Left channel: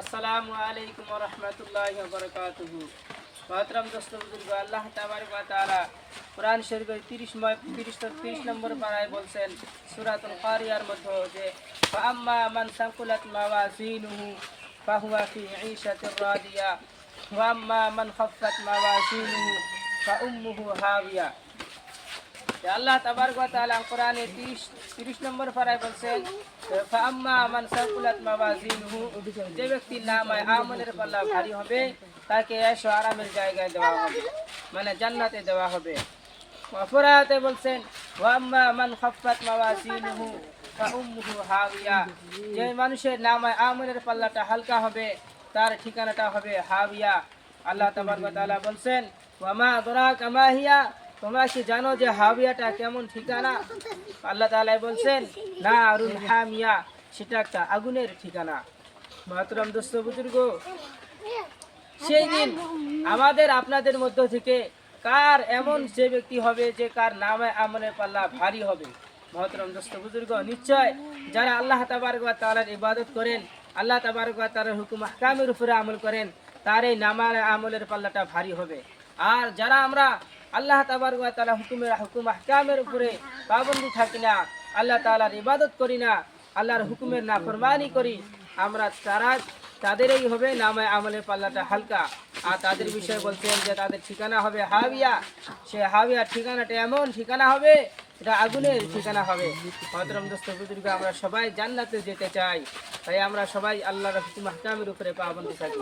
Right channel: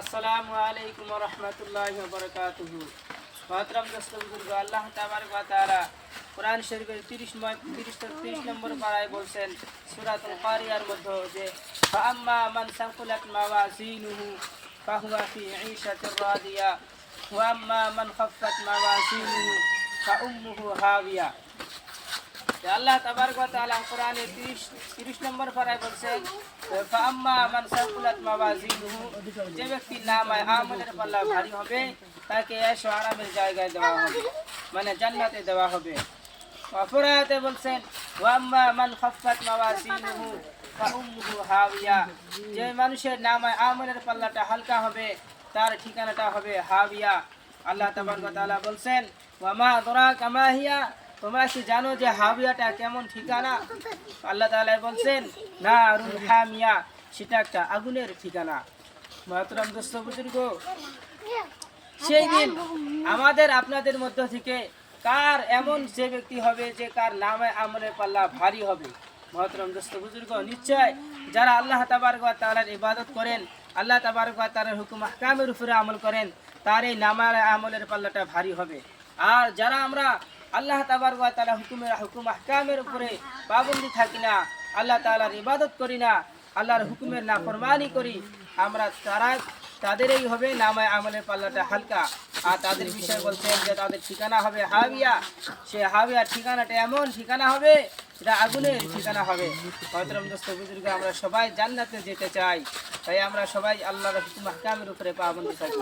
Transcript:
আসসালামু আলাইকুম ওয়া রাহমাতুল্লাহি ওয়া বারাকাতুহু। মহতরম দোস্ত বুজুর্গ, আল্লাহ তাবারক ওয়া তাআলা কোরআন শরীফের 30 নম্বর পারায় বলছেন সূরাতুল কারিয়ার মধ্যে যে ফাআম্মা মান সাকুলাত মাওয়াজিনুহু ফাহুয়া ফি ঈশাতির রাদিয়া ওয়া আম্মা মান খাফফাত মাওয়াজিনুহু ফাউম্মুহু হাবিয়া। আল্লাহ তাবারক ওয়া তাআলা কোরআনে 30 নম্বর পারায় বলছেন ফাআম্মা মান সাকুলাত মাওয়াজিনুহু, যে ব্যক্তির নামায়ে আমলের পাল্লা ভারী হবে তাকে এশো আরামের জায়গায় দেওয়া হবে, মানে জান্নাতে দেওয়া হবে। অপরাতে বলছেন ওয়া আম্মা মান খাফফাত মাওয়াজিনুহু ফাউম্মুহু হাবিয়া, যে মানুষের নামায়ে আমলের পাল্লাটা হালকা হবে তার ঠিকানাটা হবে হাবিয়া। আল্লাহ তাবারক ওয়া তাআলা বলছেন ওয়া মা আদরাকা মা হিয়া, তোমরা কি জানো যে হাবিয়াটা কেমন ঠিকানা? আল্লাহ তাআলা বলছেন নারুন হামিয়া, সেটা একটা আগুনের ঠিকানা। মহতরম দোস্ত বুজুর্গ, সেই দিন আমাদের আপনাদের মধ্য থেকে কার এমন যে ব্যক্তি হবে যে কার নামে আমলের পাল্লা ভারী হবে? মহতরম দোস্ত বুজুর্গ, নিশ্চয় যারা আল্লাহ তাবারক ওয়া তাআলার ইবাদত করেন, আল্লাহ তাবারক ওয়া তাআলার হুকুম আহকামের উপরে আমল করেন, তার এই নামার আমলের পাল্লাটা ভারী হবে। আর যারা আমরা আল্লাহ তাবারক ওয়া তাআলা হুকুম আহকামের উপরে পাবন্দি থাকি না, আল্লাহ তাআলার ইবাদত করি না, আল্লাহর হুকুমের নাফরমানি করি, আমরা তাদেরই হবে নামায় আমলের পাল্লাটা হালকা। আর তাদের বিষয়ে বলছেন যে তাদের ঠিকানা হবে হাবিয়া। সে হাবিয়ার ঠিকানাটা এমন ঠিকানা হবে, এটা আগুনের ঠিকানা হবে। মহতরম দোস্ত বুজুর্গ, আমরা সবাই জান্নাতে যেতে চাই, তাই আমরা সবাই আল্লাহর হুকুম আহকামের উপরে পাবন্দি থাকি।